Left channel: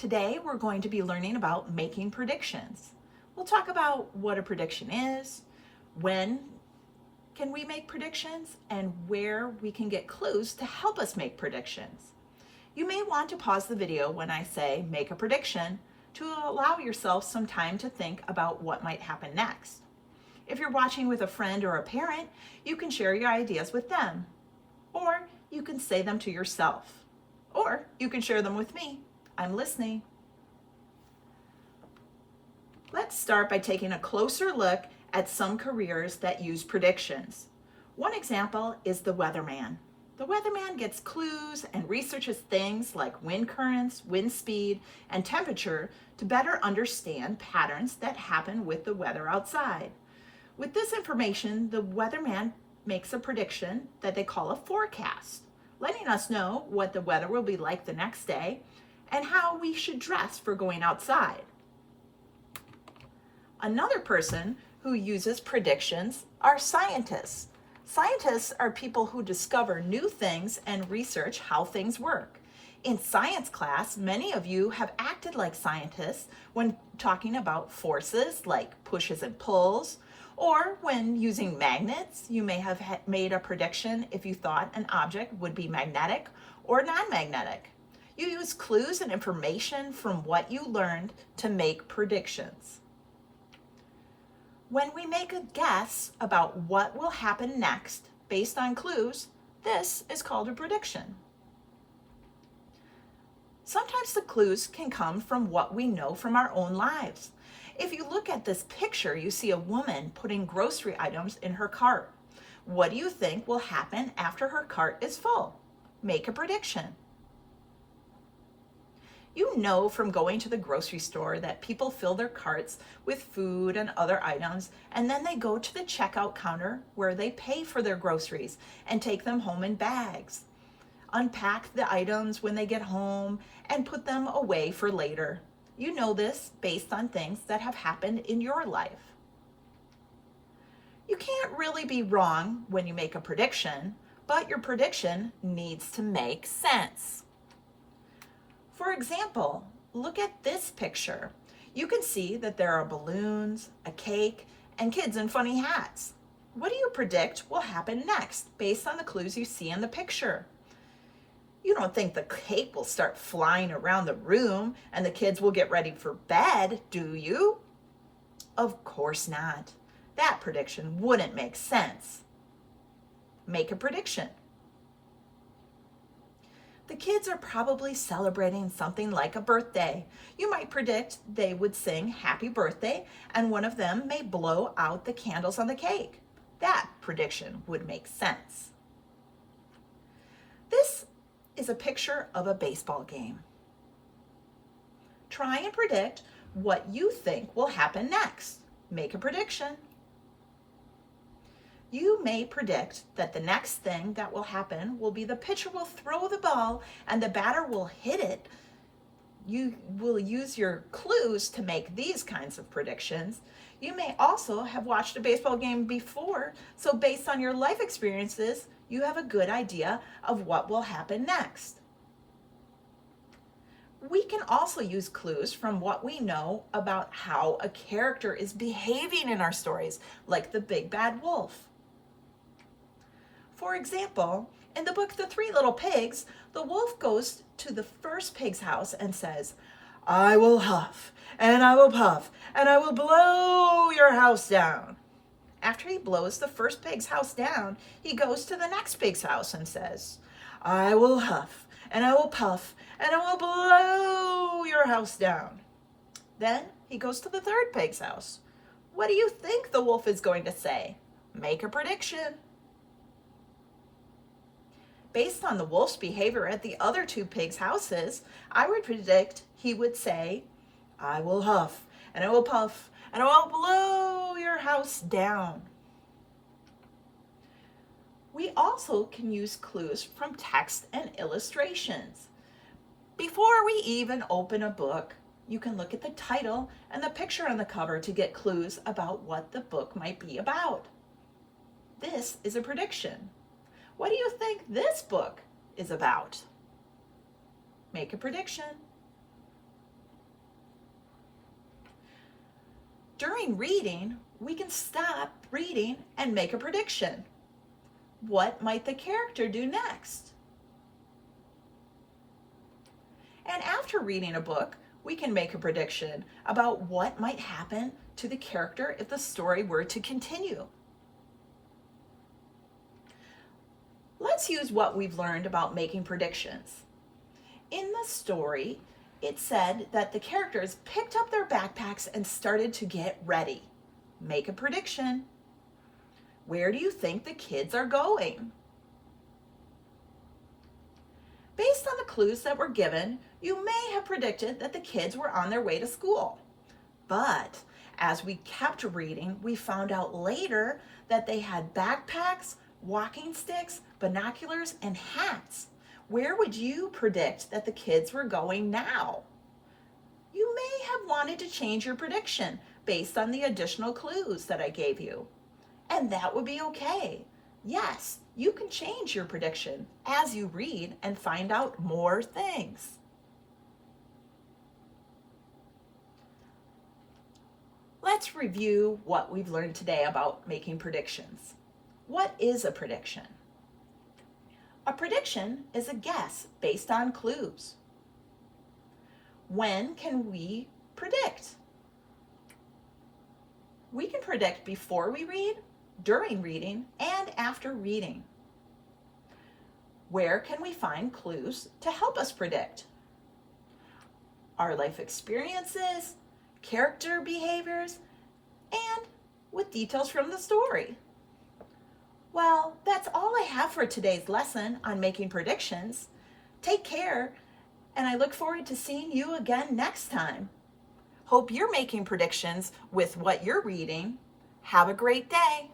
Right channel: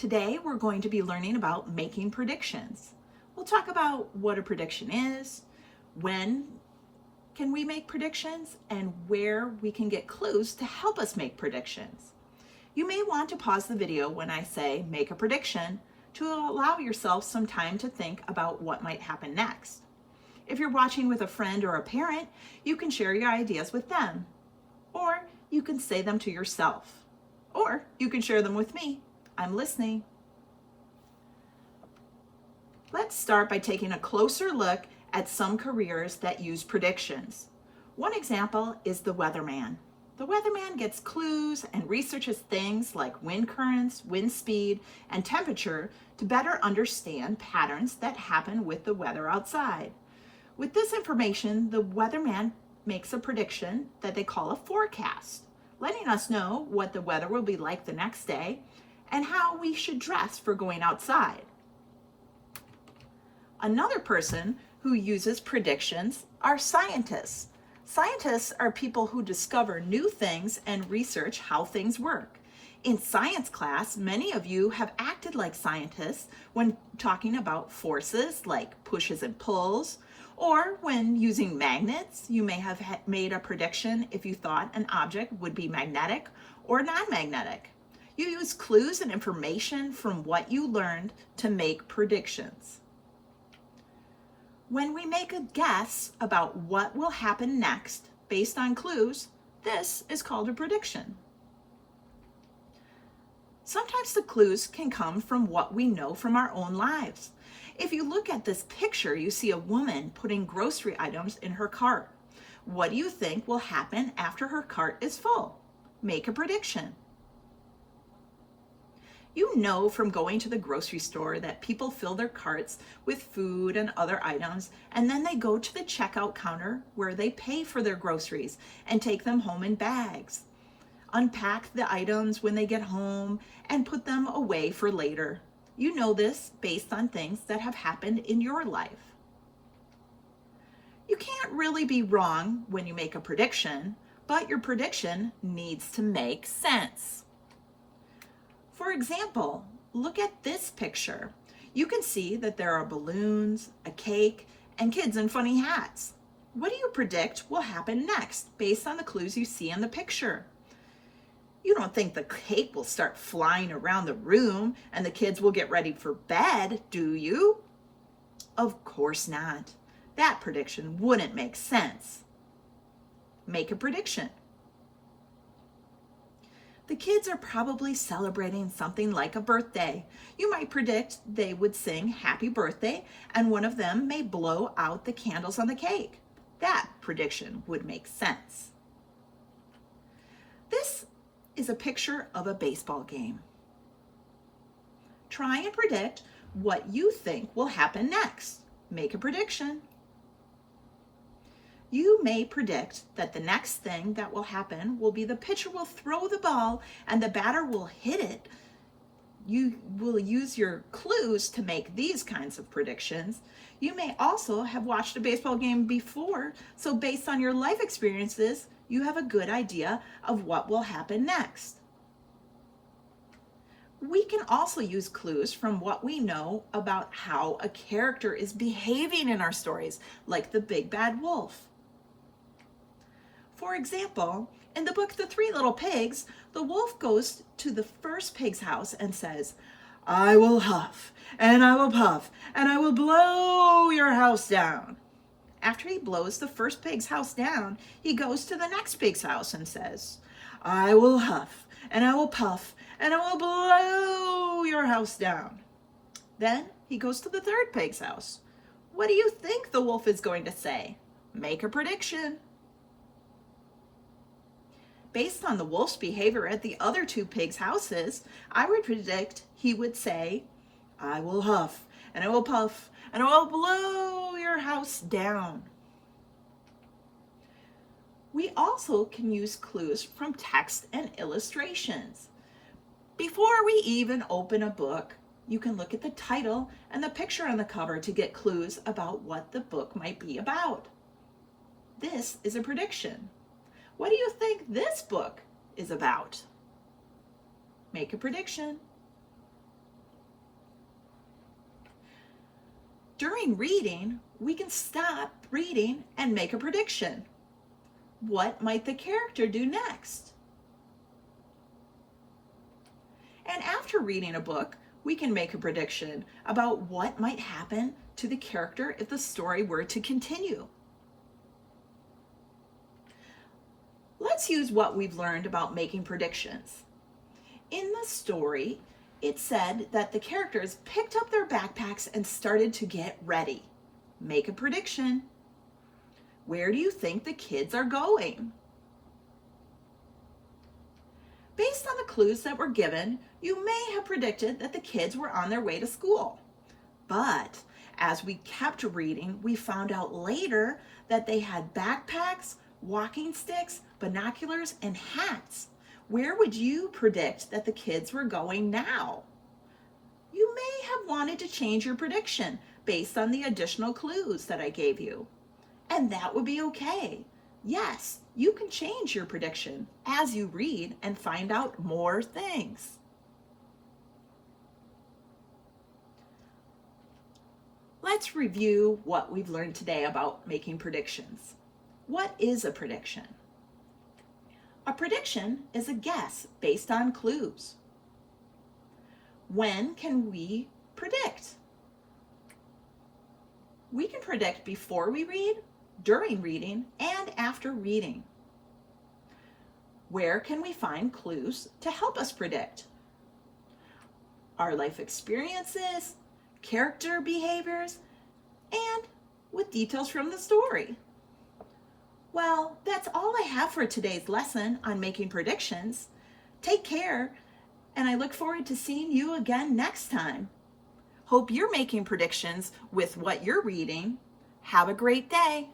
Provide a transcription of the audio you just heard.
Today, we're going to be learning about making predictions. We'll talk about what a prediction is, when can we make predictions, and where we can get clues to help us make predictions. You may want to pause the video when I say make a prediction to allow yourself some time to think about what might happen next. If you're watching with a friend or a parent, you can share your ideas with them, or you can say them to yourself, or you can share them with me. I'm listening. Let's start by taking a closer look at some careers that use predictions. One example is the weatherman. The weatherman gets clues and researches things like wind currents, wind speed, and temperature to better understand patterns that happen with the weather outside. With this information, the weatherman makes a prediction that they call a forecast, letting us know what the weather will be like the next day and how we should dress for going outside. Another person who uses predictions are scientists. Scientists are people who discover new things and research how things work. In science class, many of you have acted like scientists when talking about forces like pushes and pulls, or when using magnets, you may have made a prediction if you thought an object would be magnetic or non-magnetic. You use clues and information from what you learned to make predictions. When we make a guess about what will happen next based on clues, this is called a prediction. Sometimes the clues can come from what we know from our own lives. If you look at this picture, you see a woman putting grocery items in her cart. What do you think will happen after her cart is full? Make a prediction. You know from going to the grocery store that people fill their carts with food and other items, and then they go to the checkout counter where they pay for their groceries and take them home in bags. Unpack the items when they get home and put them away for later. You know this based on things that have happened in your life. You can't really be wrong when you make a prediction, but your prediction needs to make sense. For example, look at this picture. You can see that there are balloons, a cake, and kids in funny hats. What do you predict will happen next based on the clues you see in the picture? You don't think the cake will start flying around the room and the kids will get ready for bed, do you? Of course not. That prediction wouldn't make sense. Make a prediction. The kids are probably celebrating something like a birthday. You might predict they would sing happy birthday and one of them may blow out the candles on the cake. That prediction would make sense. This is a picture of a baseball game. Try and predict what you think will happen next. Make a prediction. You may predict that the next thing that will happen will be the pitcher will throw the ball and the batter will hit it. You will use your clues to make these kinds of predictions. You may also have watched a baseball game before, so based on your life experiences, you have a good idea of what will happen next. We can also use clues from what we know about how a character is behaving in our stories, like the Big Bad Wolf. For example, in the book The Three Little Pigs, the wolf goes to the first pig's house and says, "I will huff, and I will puff, and I will blow your house down." After he blows the first pig's house down, he goes to the next pig's house and says, "I will huff, and I will puff, and I will blow your house down." Then he goes to the third pig's house. What do you think the wolf is going to say? Make a prediction. Based on the wolf's behavior at the other two pigs' houses, I would predict he would say, "I will huff, and I will puff, and I will blow your house down." We also can use clues from text and illustrations. Before we even open a book, you can look at the title and the picture on the cover to get clues about what the book might be about. This is a prediction. What do you think this book is about? Make a prediction. During reading, we can stop reading and make a prediction. What might the character do next? And after reading a book, we can make a prediction about what might happen to the character if the story were to continue. Let's use what we've learned about making predictions. In the story, it said that the characters picked up their backpacks and started to get ready. Make a prediction. Where do you think the kids are going? Based on the clues that were given, you may have predicted that the kids were on their way to school. But as we kept reading, we found out later that they had backpacks, walking sticks, binoculars, and hats. Where would you predict that the kids were going now? You may have wanted to change your prediction based on the additional clues that I gave you. And that would be okay. Yes, you can change your prediction as you read and find out more things. Let's review what we've learned today about making predictions. What is a prediction? A prediction is a guess based on clues. When can we predict? We can predict before we read, during reading, and after reading. Where can we find clues to help us predict? Our life experiences, character behaviors, and with details from the story. Well, that's all I have for today's lesson on making predictions. Take care, and I look forward to seeing you again next time. Hope you're making predictions with what you're reading. Have a great day.